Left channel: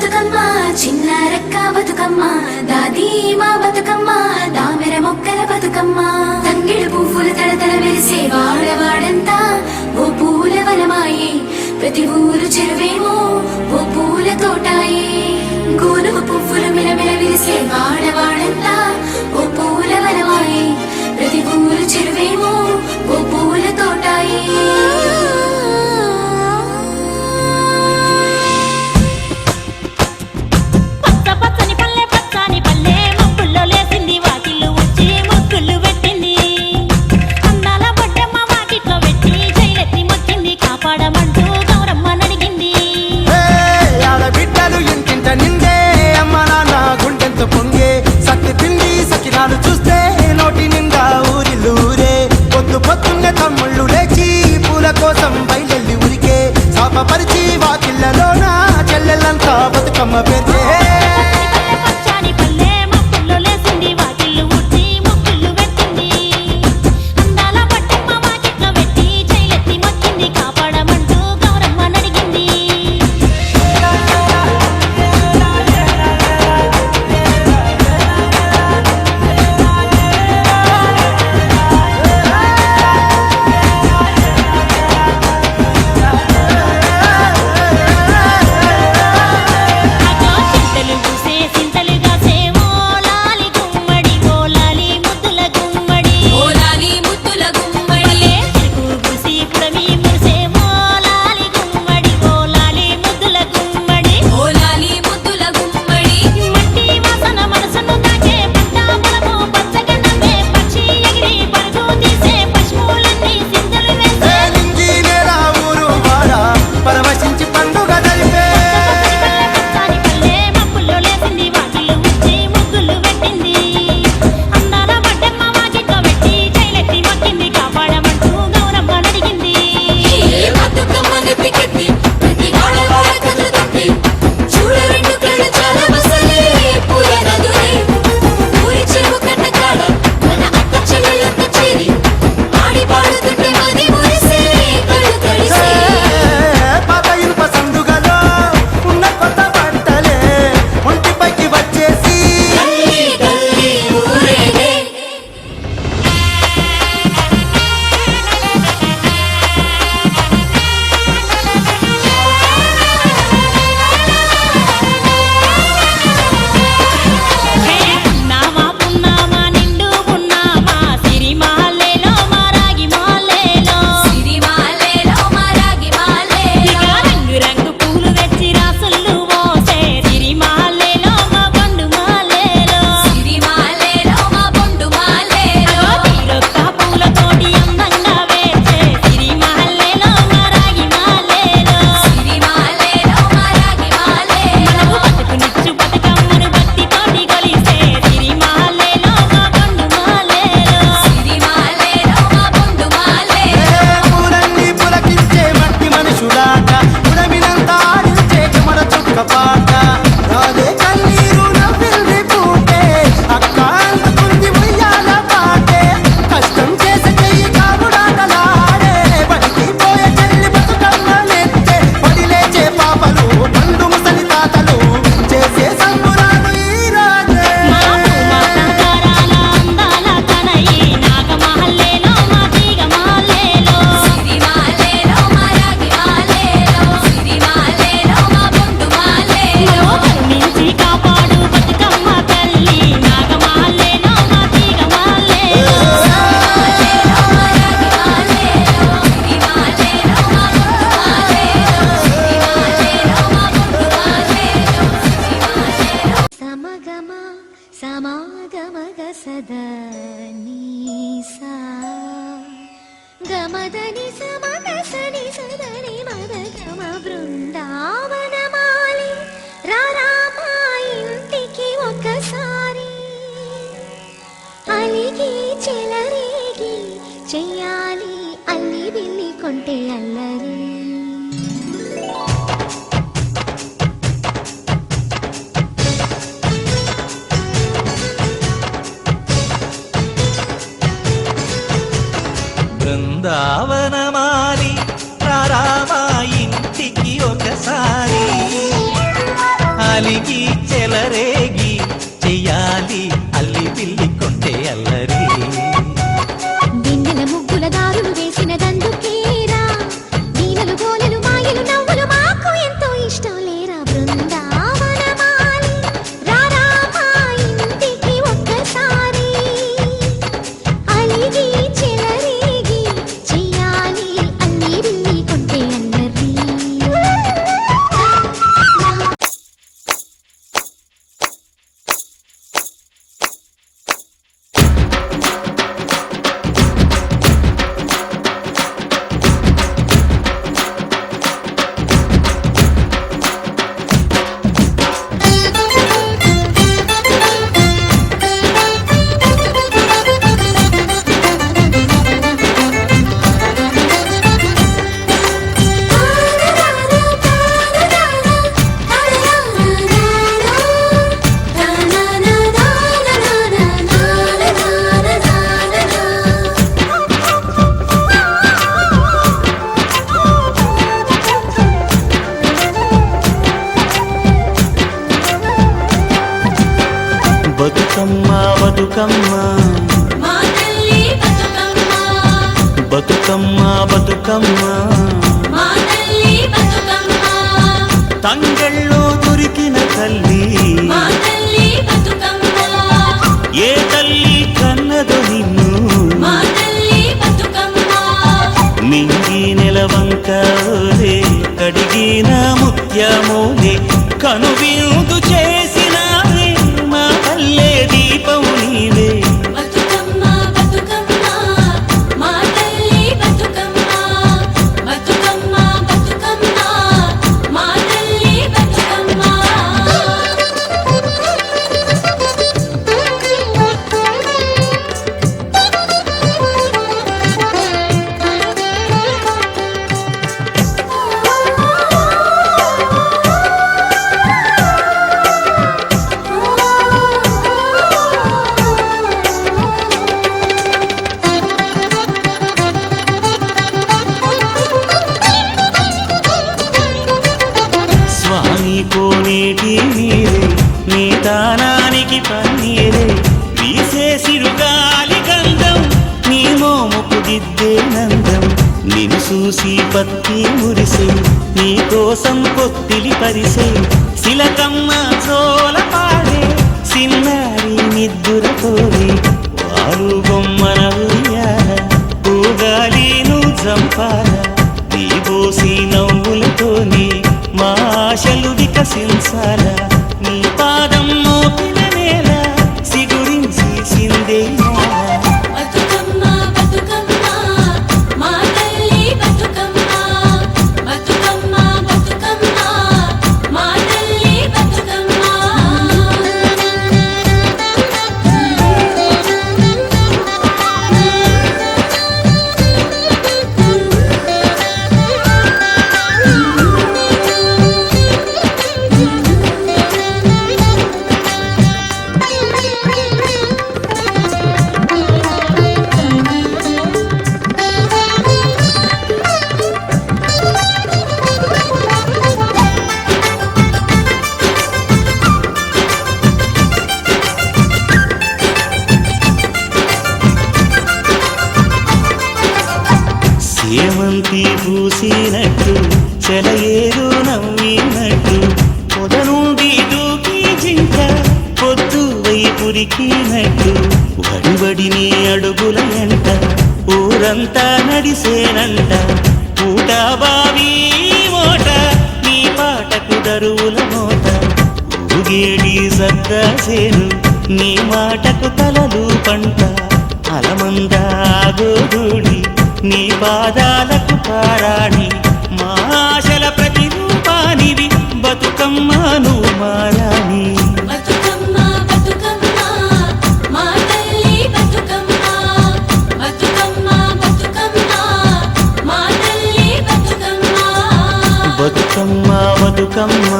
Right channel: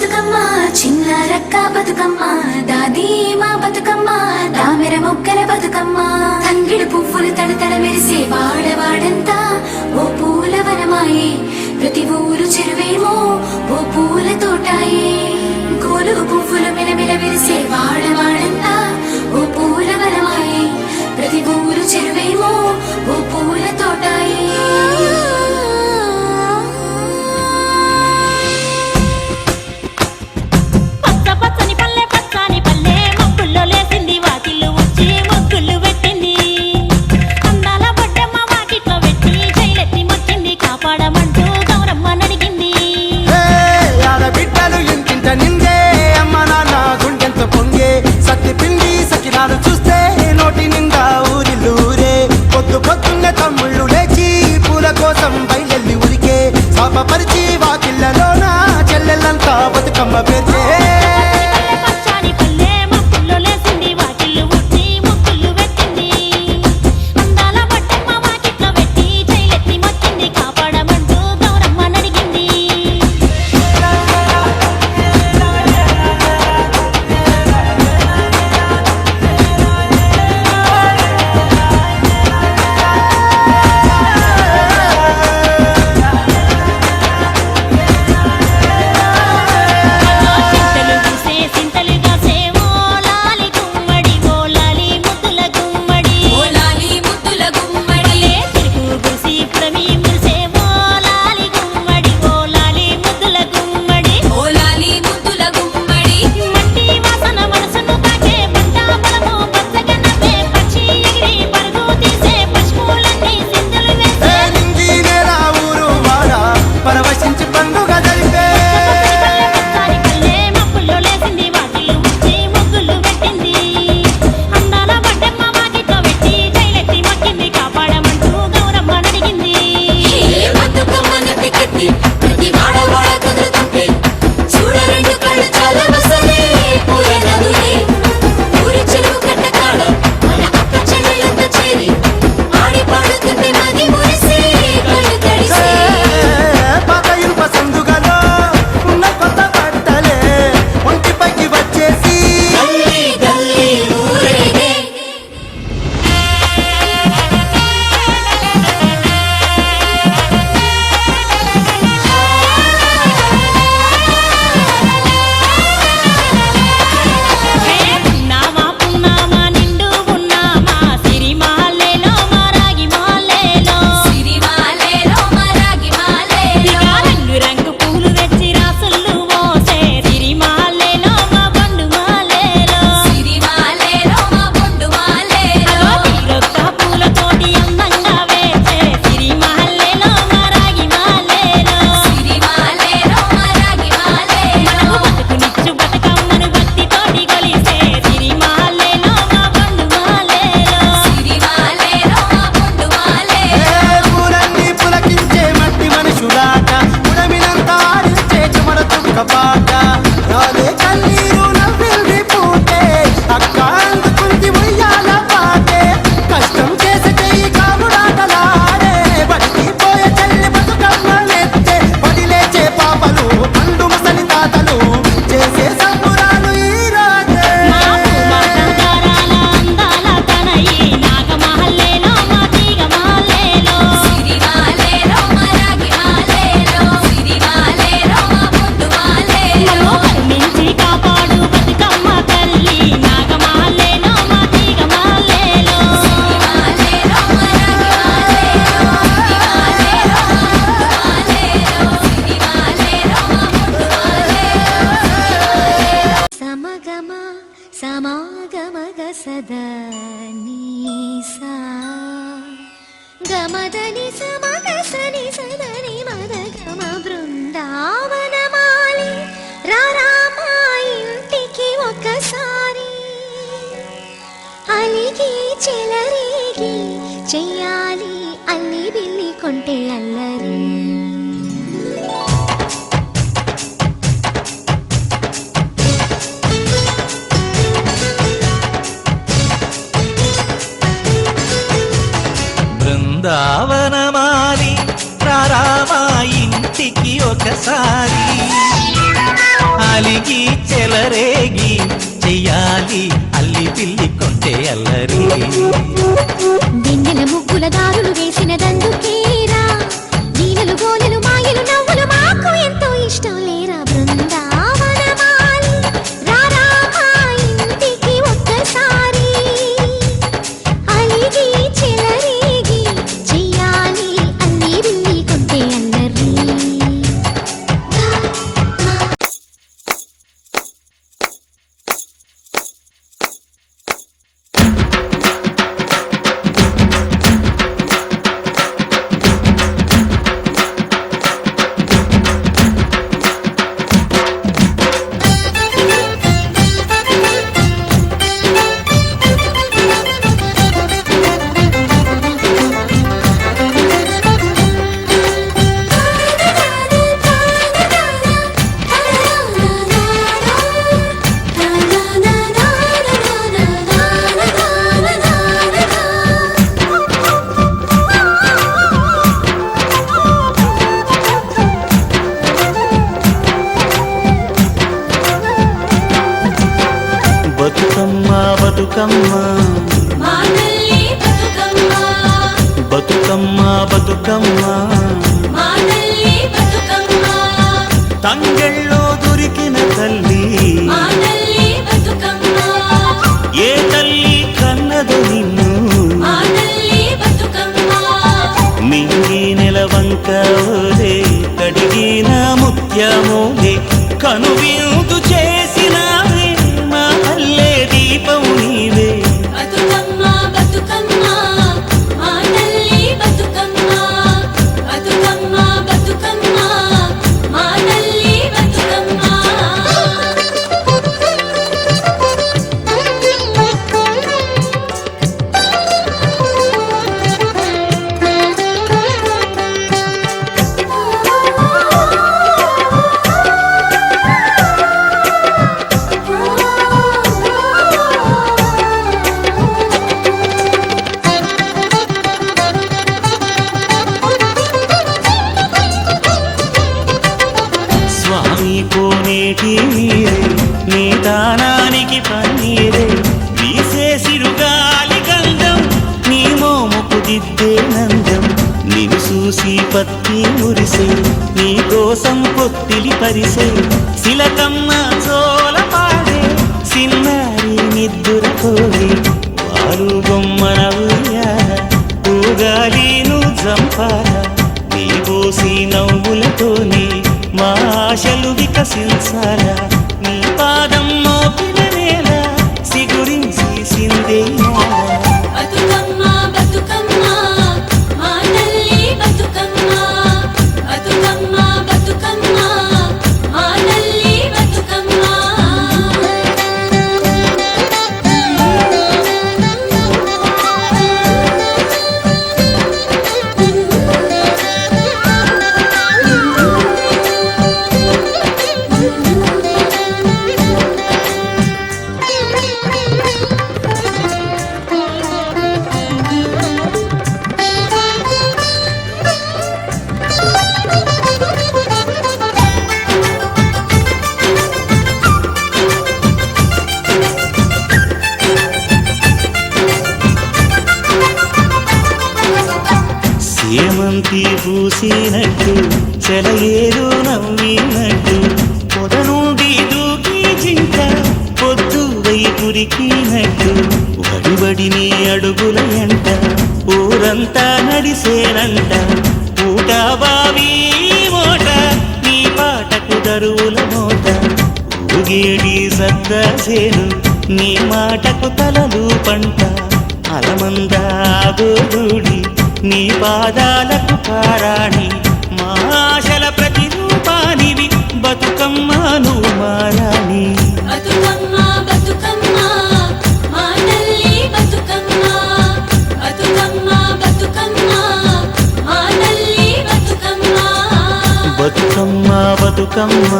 బతుకమ్మ చిన్న రక్క బతుకమ్మ దాది మా బతుకమ్మ తామెర మొక్కల బతుకమ్మ తంగిడు పువ్వులు తడతడ మెరిసే వాడవాడంతా ఓ పూల వనమాయే ప్రతి ఊరు చెరువేమో ఓ పూల తోటాయే గోలుగు పువ్వులు మెలమెల మెరిసే వాడవాడంతా ఓ పూల వనమాయే ప్రతి ఊరు చెరువేమో ఓ పూల తోటాయే లేసింది వాకిళ్ళు ఉచ్చి ముగ్గులు పెట్టింది అందాల బొడ్డమ్మ వాకిట్లో పెట్టి జైలెత్తి మొక్కింది కాపాడమంటూ గౌరమ్మ నడిగింది ఆడబిడ్డలు ఇంటింట నిందే అమ్మ నాన్న గుండెంత పొంగే సత్తి పిండి సకినాలు చూస్తే నోటి నిండా ఊరిల్లూరే పొద్దు పొద్దున్నే తమ్ముళ్ళు లేచి పూల కోసం బయలెల్లి ఉరికే శాపపరిచి వాకిళ్ళలోన చెల్లెళ్ళంతా బతుకమ్మ పేర్చే లేసింది వాకిళ్ళు ఉట్టి ముగ్గులు పెట్టింది అందాల బొడ్డమ్మ వాకిట్లో పెట్టి జైలెత్తి మొక్కింది కాపాడమంటూ గౌరమ్మ నడిగింది చింతలు పూసే సింతలుగా సేవో పుడమి మురిసే ఓలాలి గుమ్మడి ఓలాలి ముద్దుల గుమ్మడి ఓలాలి ముద్దుల గుమ్మడి మట్టి వాసన మనసును తాకే పంట పొలము పచ్చగా నవ్వే పక్షి ఎగిరి పరుగు తీసే పశువులన్నీ సింధులు వేసే నింగి నేల ఊరు వాడ పరవశించి పండుగ జరిపే పచ్చని పల్లె మబ్బుల్లో లేసింది వాకిళ్ళు ఉచ్చి ముగ్గులు పెట్టింది అందాల బొడ్డమ్మ వాకిట్లో పెట్టి జైలెత్తి మొక్కింది కాపాడమంటూ గౌరమ్మ నడిగింది పాత ఇనుప సందుగలో ఉన్న కొత్త బట్టలే ఒంటిపైకి వచ్చేసి రంగు పూలు తెచ్చి రాసులు మోసే సిరిమాలేలో మా బండు మాలేలో అగో తీరొక్క పూలతోటి అందంగా వేసే సిరిమాలేలో మా రాగి మాలేలో మనకు బతుకునిచ్చు బతుకమ్మను భక్తితోటి కొలిసే సిరిమాలేలో మా బండు మాలేలో పూలన్నీ పులకించే మట్టి మనుషులాట ఉడమినంత ఆడించే చెమడ చుక్క పాట రాలే కన్నీరు నవ్వింది పూటే అక్క అందుకుంది ఉయ్యాల పాటే కష్టం చేసే చెయ్యి కాముడాటలాడే బడికి పోయే చెల్లి బతుకమ్మనెత్తే పడి లేచే పాపలు పండు ముసలి తాతలు చేసే సంబురాలు ఈ రోజే అందాల తనయి నాగమహల్లేలో మా తీగ మహల్లేలో మమ్మో కరుణించి కాపాడు బతుకమ్మ తల్లి నాగమహల్లేలో మా తీగ మహల్లేలో సమగమ సమాగమగ సదా నీసా గమదని సమగ సని సదని మదగమ బృందావనమాలి రారామా ఇంటికి ఒకసారి అలిగి చెలరేగి చెయ్యాలి అల్లి బిల్లి కొంటే అల్లరి బృందావనమాలి రారామా ఇంటికి ఒకసారి నాలిగి చెలరేగి చెయ్యాలి అల్లి పిల్లి కొంటే అల్లరి వెన్నెల ముగ్గుల దారులు వేసిన దందుకేరా నీలలు గోలెలు మాయలు నవ్వులు మాకు ఎంతో ఇష్టం లేరా బృందావనమాలి రారా మా ఇంటికి ఒక్కసారి అలిగి చెలరేగి చెయ్యాలి అల్లి బిల్లి కొంటే అల్లరి బతుకమ్మ బతుకమ్మ బతుకమ్మ బతుకమ్మ తంగెళ్ళో దొరికిన తల్లి ఏ తల్లి కన్నదో నిన్ను మింగి నెలవంక ఓలే కడిగిన ముత్యమోలే కనువిందు చేసినావే మా పల్లె దీపం నీవే స్వామి కోనేటి నీరే నీ దానానికి పన్నీరే వీసే సిరుగాలి గంధం నీ మోముకు దిద్దే నందం నిన్ను చూసి పత్తి మురిసే నీ కోసం పొత్తిలి పరిసే శిలకమ్మ చోల పాడే సిన్నారి నిద్దురపోవే వారు బొమ్మన ఉయ్యాల పూగాలి నువ్వు జంపాల నీ బోసి నవ్వులతోని మా ఆశలు వికసించాలా నీ పాదం మోపిన నేల సిగురించి సిందేయాలా సేమంతి పూసినట్టు సెలయేరు నవ్వినట్టు పొద నుండి దూకి జింక పొద్దు వైపురికినట్టు వడివడిని అడుగుల ఎంట ఊరంతా నడిసేనంట ఊట బావి మోట నీ పాటకు దరువుల మోత ఊగేడి సద్దాసేను నీ మాటకు తలలు పంట అలమందా గోధూడి నీ పాదాలకు పారాణి మా ఆశల ప్రతిరూపానివి బతుకమ్మ నువ్వు మారాణి బతుకమ్మ బతుకమ్మ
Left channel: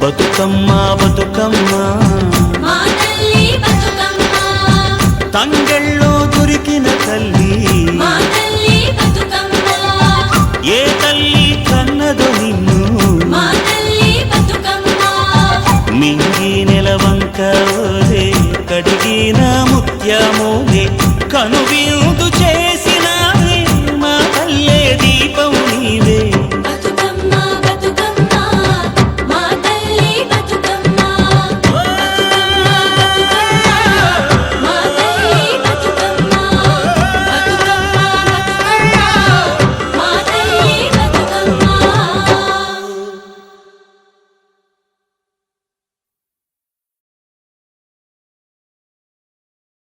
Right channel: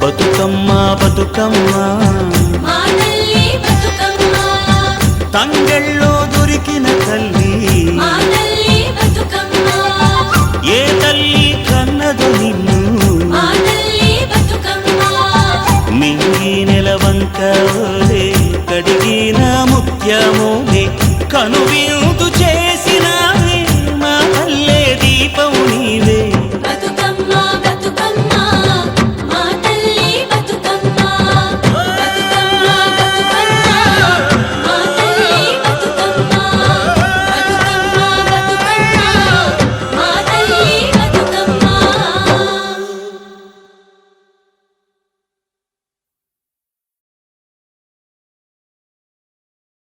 బతుకమ్మ బతుకమ్మ తంగెళ్ళో దొరికిన తల్లి ఏ తల్లి కన్నదో నిన్ను మా తల్లి బతుకమ్మ మింగి నెలవంక ఓలే కడిగిన ముత్యమోలే కనువిందు చే